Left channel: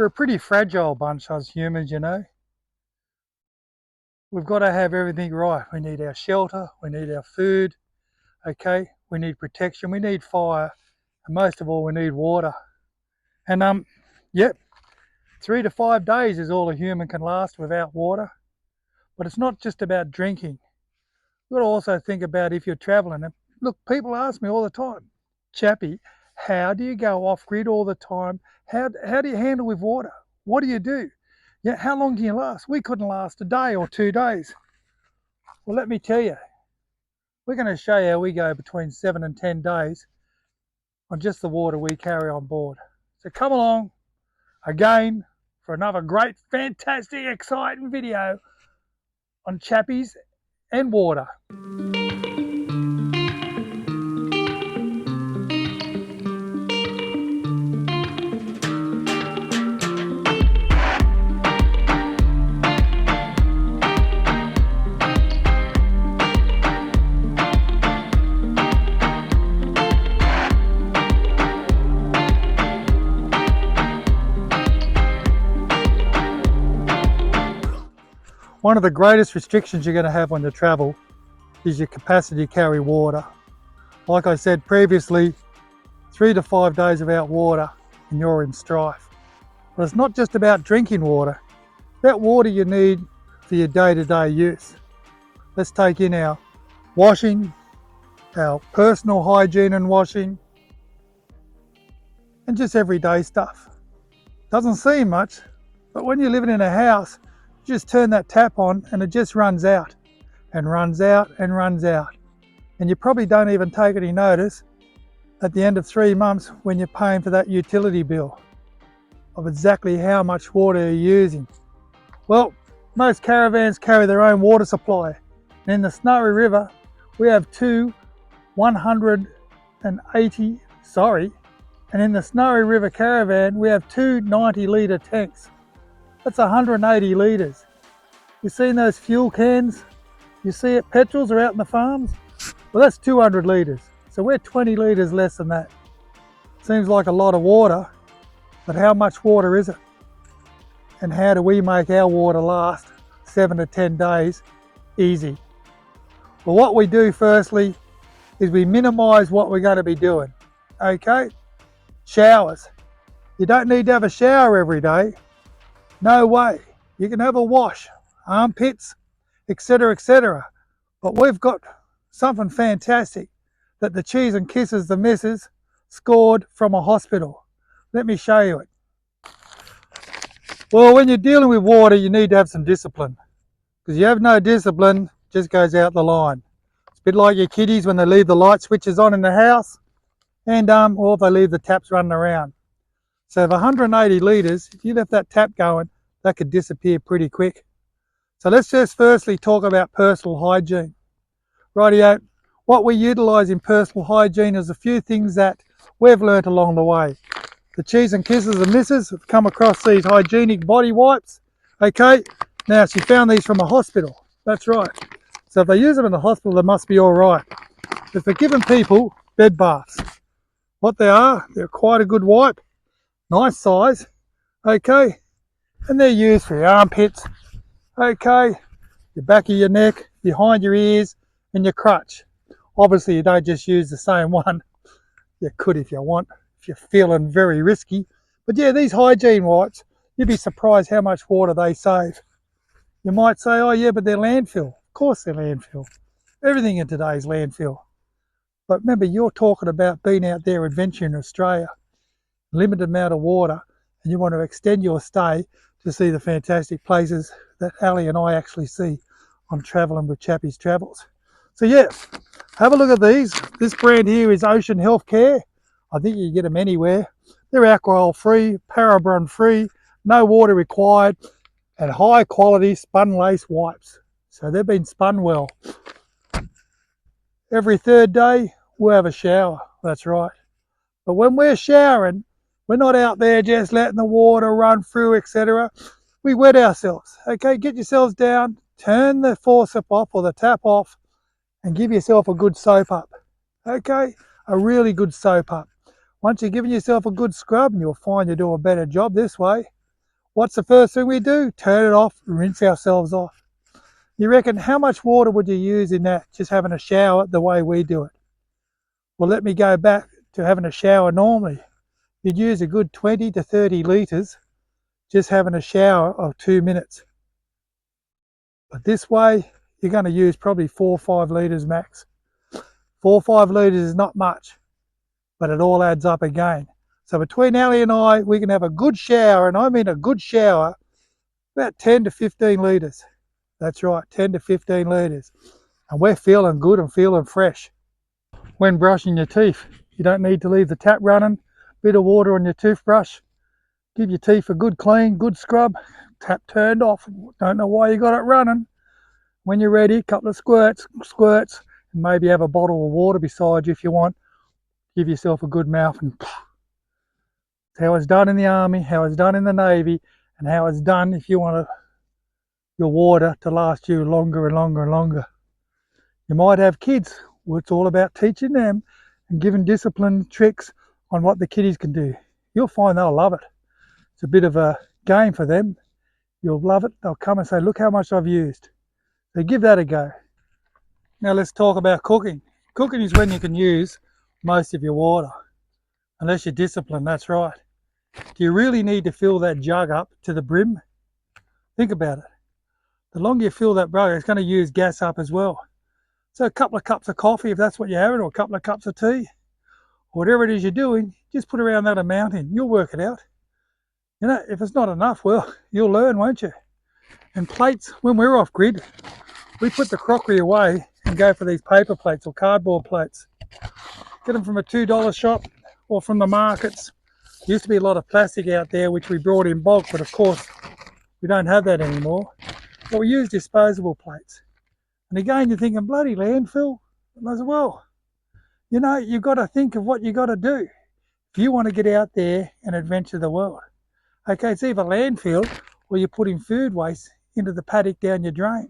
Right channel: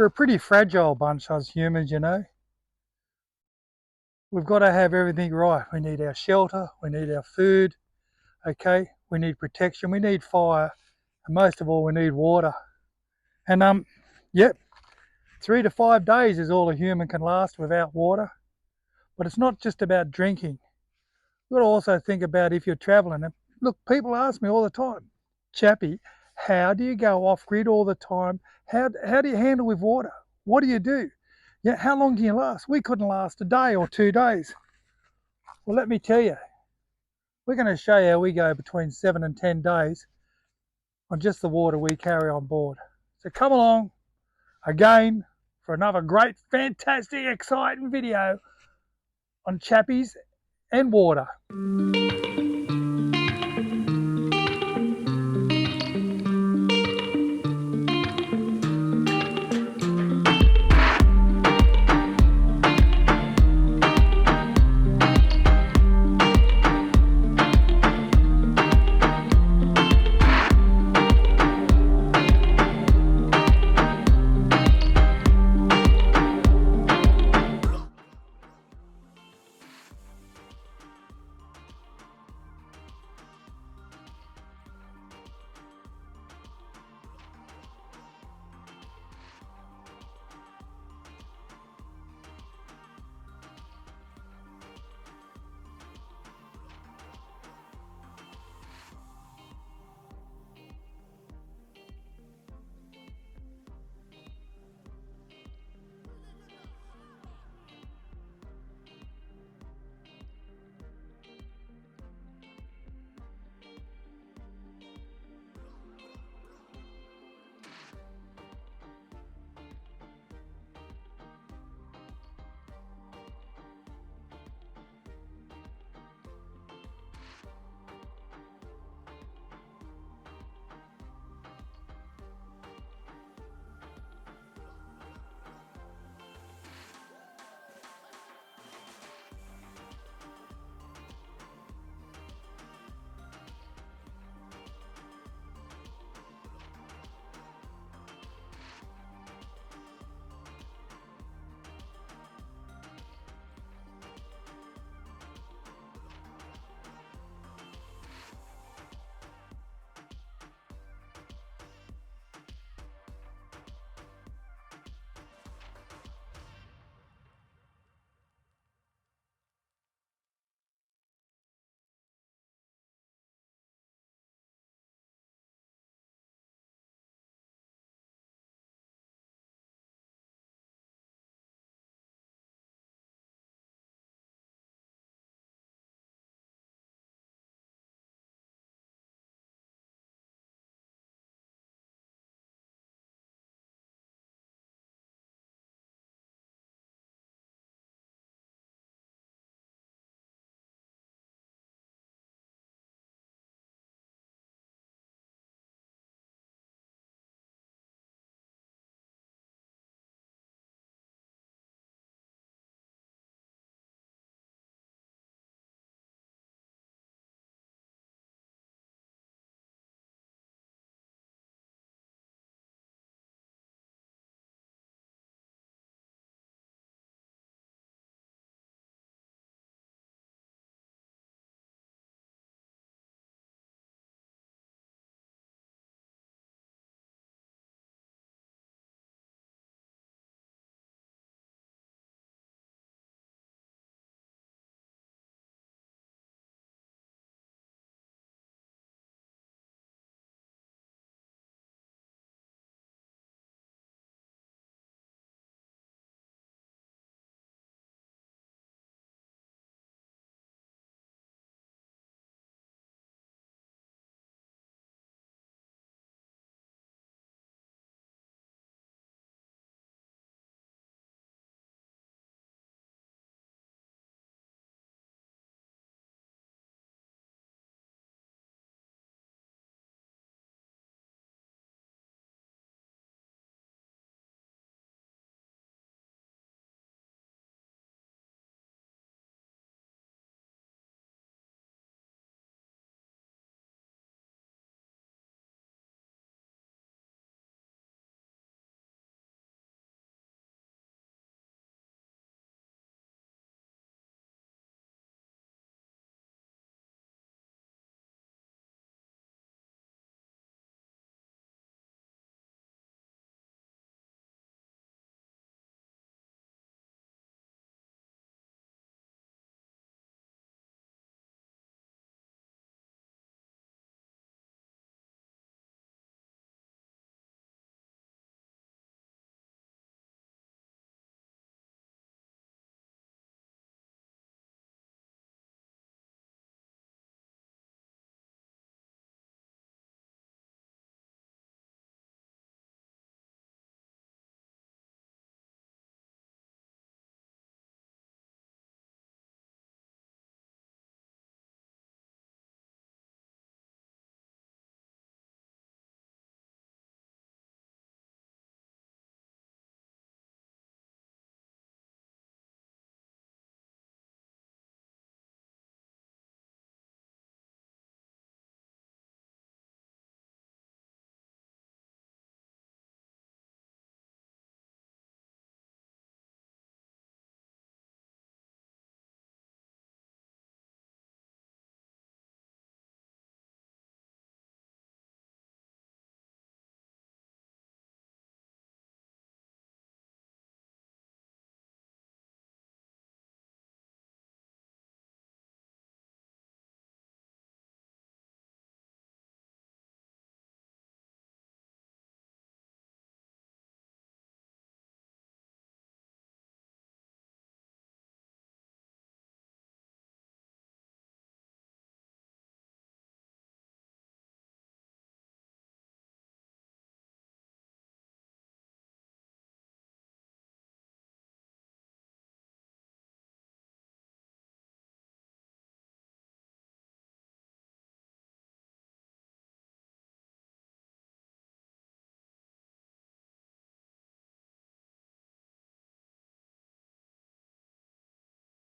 We're a pretty fragile bunch, us humans, you know. We've got to have everything right. We need our shelter, we need our food, okay? We need protection, we need fire, and most of all, we need water. And yep, 3 to 5 days is all a human can last without water. But it's not just about drinking. You've got to also think about if you're traveling. And look, people ask me all the time, Chappie, how do you go off grid all the time? How do you handle with water? What do you do? Yeah, how long can you last? We couldn't last a day or 2 days. Well, let me tell you, we're going to show you how we go between 7 and 10 days on just the water we carry on board. So come along again for another great, fantastic, exciting video on chappies and water. One of the greatest restrictions you're going to have when you travel is your capacity to carry water. Like I said previously, 3 to 5 days without water and you're in strife. But it's not just about drinking water, it's about water you need for your day-to-day use. Let's take in our washing, our personal hygiene and washing, and just everyday stuff. Doesn't seem much, but when you're living in a house, you just turn that tap on and it just runs out and runs out and runs out. And you probably don't even take any notice at the end of 3 months when you're paying for that utility bill of exactly how much water you're using. Well, most caravans carry their own water supply. And in the Snowy River, we have two 180, and in the Snowy River caravan, we have two 90-litre tanks. That's 180 litres. You seen those fuel cans? You see it, petrols are out in the farms? Well, that's 200 litres. So we're 20 litres less than that. Seems like a lot of water, but how much water is it? And how do we make our water last 7 to 10 days easy? Well, what we do firstly is we minimise what we're going to be doing, okay? Showers. You don't need to have a shower every day. No way. You can have a wash, armpits, etc., etc. But we've got something fantastic that the cheese and kisses the missus scored from a hospital. Let me show you it. Well, when you're dealing with water, you need to have some discipline. Because you have no discipline, it just goes out the line. It's a bit like your kiddies when they leave the light switches on in the house, and or if they leave the taps running around. So if 180 litres, if you left that tap going, that could disappear pretty quick. So let's just firstly talk about personal hygiene. Rightio, what we utilise in personal hygiene is a few things that we've learnt along the way. The cheese and kisses and missus have come across these hygienic body wipes. Okay, now she found these from a hospital. That's right. So if they use them in the hospital, they must be all right. If they're giving people bed baths, what they are, they're quite a good wipe. Nice size, okay, and they're used for your armpits, okay, the back of your neck, behind your ears, and your crutch. Obviously, you don't just use the same one. You could if you want, if you're feeling very risky. But yeah, these hygiene wipes, you'd be surprised how much water they save. You might say, oh yeah, but they're landfill. Of course they're landfill. Everything in today's landfill. But remember, you're talking about being out there adventuring in Australia. Limited amount of water, and you want to extend your stay to see the fantastic places that Ali and I actually see on travelling with Chappie's Travels. So yeah, have a look at these. This brand here is Ocean Healthcare. I think you can get them anywhere. They're alcohol free, paraben free, no water required, and high quality spun lace wipes. So they've been spun well. Every 3rd day we'll have a shower, that's right. But when we're showering, we're not out there just letting the water run through, etc. We wet ourselves. Okay, get yourselves down, turn the faucet off or the tap off, and give yourself a good soap up. Okay, a really good soap up. Once you've given yourself a good scrub, and you'll find you do a better job this way, What's the first thing we do? Turn it off, rinse ourselves off. You reckon how much water would you use in that, just having a shower the way we do it? Well, let me go back to having a shower normally. You'd use a good 20 to 30 litres just having a shower of 2 minutes. But this way, you're going to use probably 4 or 5 litres max. 4 or 5 litres is not much, but it all adds up again. So between Ali and I, we can have a good shower, and I mean a good shower, about 10 to 15 litres. That's right, 10 to 15 litres. And we're feeling good and feeling fresh. When brushing your teeth, you don't need to leave the tap running. Bit of water on your toothbrush. Give your teeth a good clean, good scrub. Tap turned off. Don't know why you got it running. When you're ready, a couple of squirts, and maybe have a bottle of water beside you if you want. Give yourself a good mouth, and it's how it's done in the army, how it's done in the navy, and how it's done if you want your water to last you longer and longer and longer. You might have kids where it's all about teaching them and giving discipline tricks on what the kiddies can do. You'll find they'll love it. It's a bit of a game for them. You'll love it. They'll come and say, look how much I've used. So give that a go. Now let's talk about cooking. Cooking is when you can use most of your water, unless you're disciplined, that's right. Do you really need to fill that jug up to the brim? Think about it. The longer you fill that jug, it's going to use gas up as well. So a couple of cups of coffee, if that's what you're having, or a couple of cups of tea, whatever it is you're doing, just put around that amount in. You'll work it out. You know, if it's not enough, well, you'll learn, won't you? And plates, when we're off grid, we put the crockery away and go for these paper plates or cardboard plates. Get them from a $2 shop or from the markets. There used to be a lot of plastic out there which we brought in bulk, but of course we don't have that anymore. But we use disposable plates. And again, you're thinking, bloody landfill? And I said, well, you know, you've got to think of what you've got to do if you want to get out there and adventure the world. Okay, it's either landfill or you're putting food waste into the paddock down your drain.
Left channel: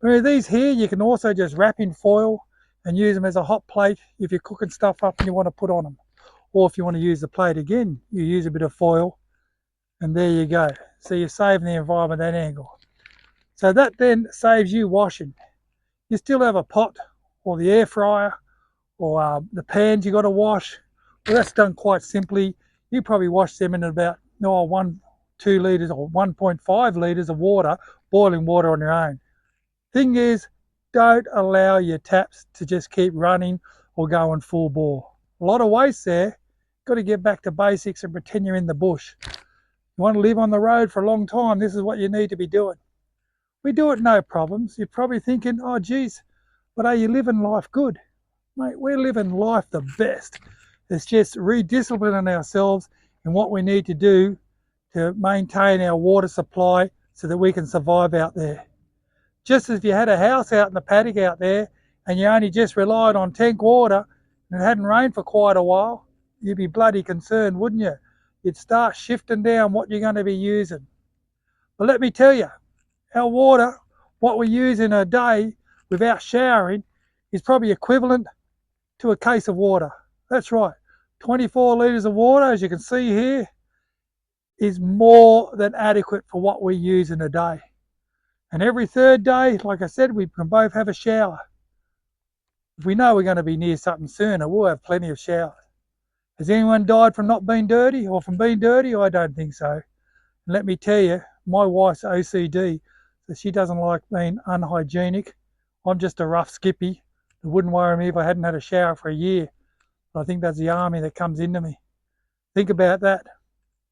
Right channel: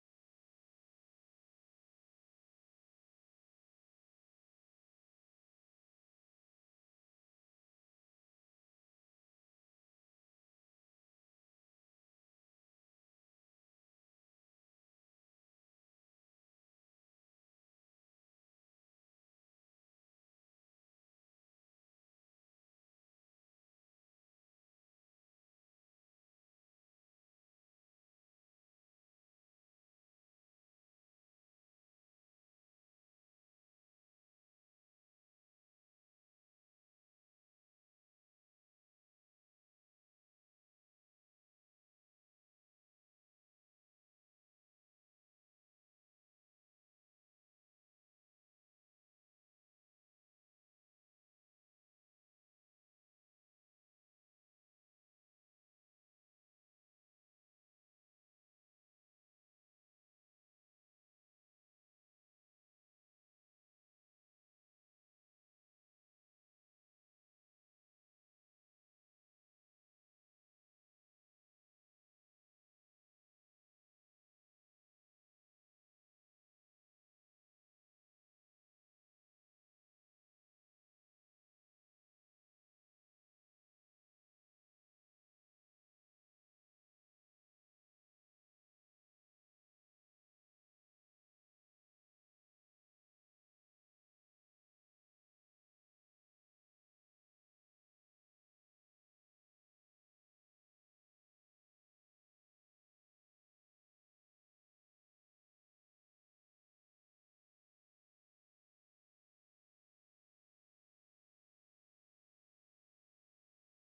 But these here, you can also just wrap in foil and use them as a hot plate if you're cooking stuff up and you want to put on them. Or if you want to use the plate again, you use a bit of foil and there you go. So you're saving the environment that angle. So that then saves you washing. You still have a pot or the air fryer or the pans you got to wash. Well, that's done quite simply. You probably wash them in about 2 litres or 1.5 litres of water, boiling water on your own. Thing is, don't allow your taps to just keep running or going full bore. A lot of waste there. Got to get back to basics and pretend you're in the bush. You want to live on the road for a long time, this is what you need to be doing. We do it no problems. You're probably thinking, oh geez, but are you living life good? Mate, we're living life the best. It's just redisciplining ourselves in what we need to do to maintain our water supply so that we can survive out there. Just as if you had a house out in the paddock out there and you only just relied on tank water and it hadn't rained for quite a while, you'd be bloody concerned, wouldn't you? You'd start shifting down what you're going to be using. But let me tell you, our water, what we use in a day without showering, is probably equivalent to a case of water. That's right, 24 litres of water, as you can see here, is more than adequate for what we use in a day. And every third day, like I said, we can both have a shower. If we know we're going to be near something sooner, we'll have plenty of showers. Has anyone died from not being dirty or from being dirty? I don't think so. And let me tell you, my wife's OCD, so she doesn't like being unhygienic. I'm just a rough skippy. It wouldn't worry me if I hadn't had a shower for a year. But I think that's the army that comes into me. Think about that.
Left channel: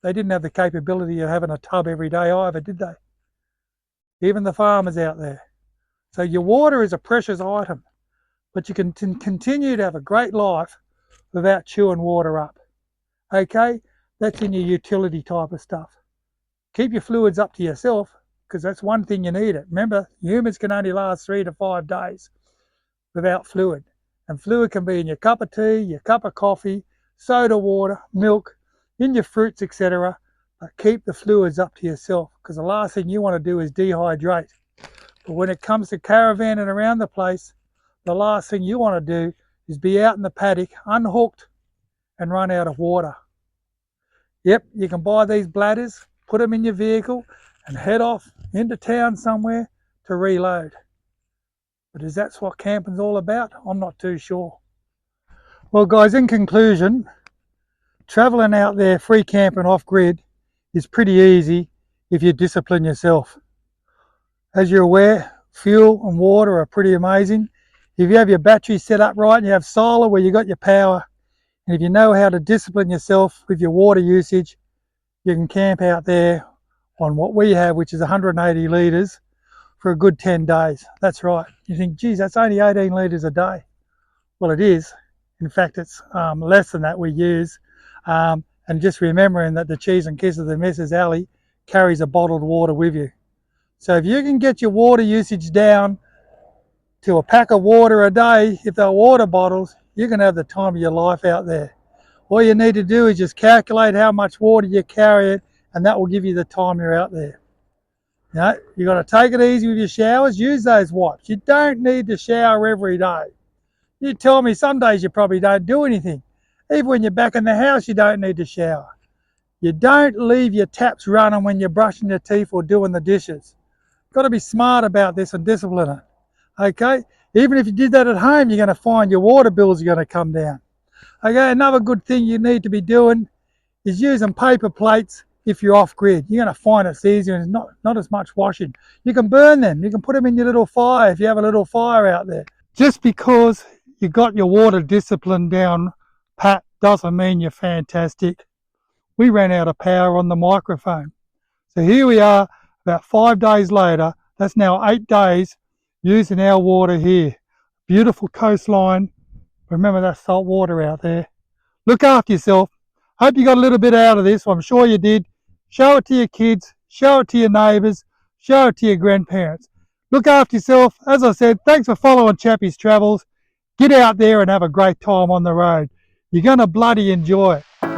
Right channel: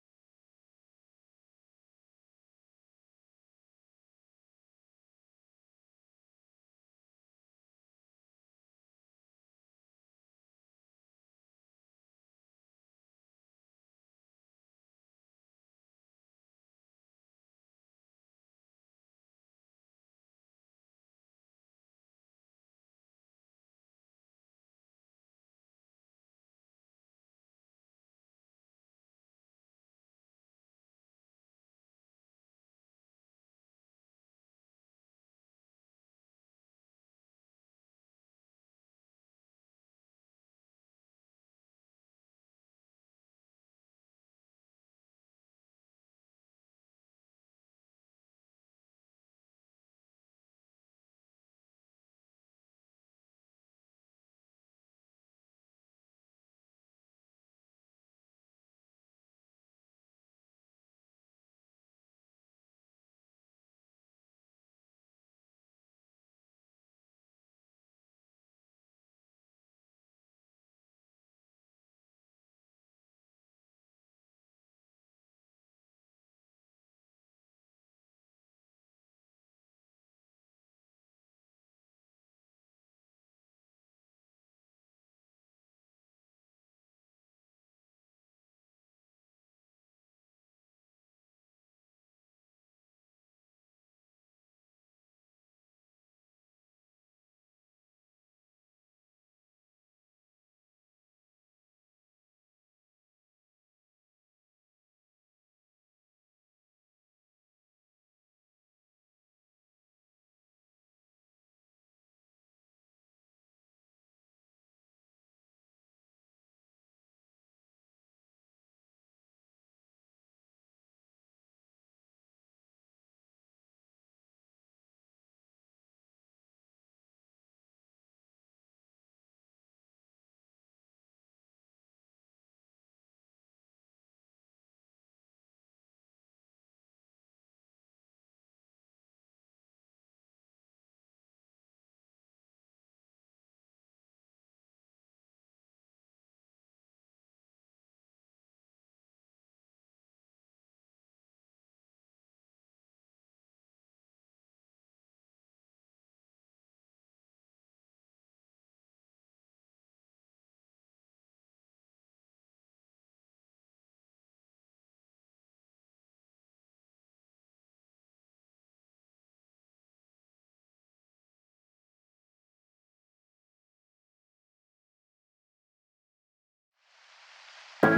They didn't have the capability of having a tub every day either, did they? Even the farmers out there. So your water is a precious item, but you can continue to have a great life without chewing water up. Okay, that's in your utility type of stuff. Keep your fluids up to yourself, because that's one thing you need it. Remember, humans can only last 3 to 5 days without fluid. And fluid can be in your cup of tea, your cup of coffee, soda water, milk, in your fruits, etc. But keep the fluids up to yourself, because the last thing you want to do is dehydrate. But when it comes to caravanning around the place, the last thing you want to do is be out in the paddock, unhooked, and run out of water. Yep, you can buy these bladders, put them in your vehicle and head off into town somewhere to reload. But is that what camping's all about? I'm not too sure. Well guys, in conclusion, travelling out there free camping off-grid is pretty easy if you discipline yourself. As you're aware, fuel and water are pretty amazing. If you have your battery set up right and you have solar where you got your power, and if you know how to discipline yourself with your water usage, you can camp out there on what we have, which is 180 litres for a good 10 days. That's right. You think, geez, that's only 18 litres a day. Well, it is. In fact, it's less than that we use. And just remembering that the cheese and kiss of the Mrs. Alley carries a bottled water with you. So if you can get your water usage down to a pack of water a day, if they're water bottles, you can have the time of your life out there. All you need to do is just calculate how much water you carry, and that will give you the time you're out there. You know, you got to take it easy with your showers. Use those wipes. You don't need to shower every day. You tell me some days you probably don't do anything. Even when you're back in the house, you don't need to shower. You don't leave your taps running when you're brushing your teeth or doing the dishes. Got to be smart about this and discipline it. Okay? Even if you did that at home, you're going to find your water bills are going to come down. Okay, another good thing you need to be doing is using paper plates if you're off-grid. You're going to find it's easier and not as much washing. You can burn them. You can put them in your little fire if you have a little fire out there. Just because you got your water discipline down pat doesn't mean you're fantastic. We ran out of power on the microphone. So here we are about 5 days later. That's now 8 days using our water here. Beautiful coastline. Remember that salt water out there. Look after yourself. Hope you got a little bit out of this. I'm sure you did. Show it to your kids. Show it to your neighbours. Show it to your grandparents. Look after yourself. As I said, thanks for following Chappie's Travels. Get out there and have a great time on the road. You're going to bloody enjoy it.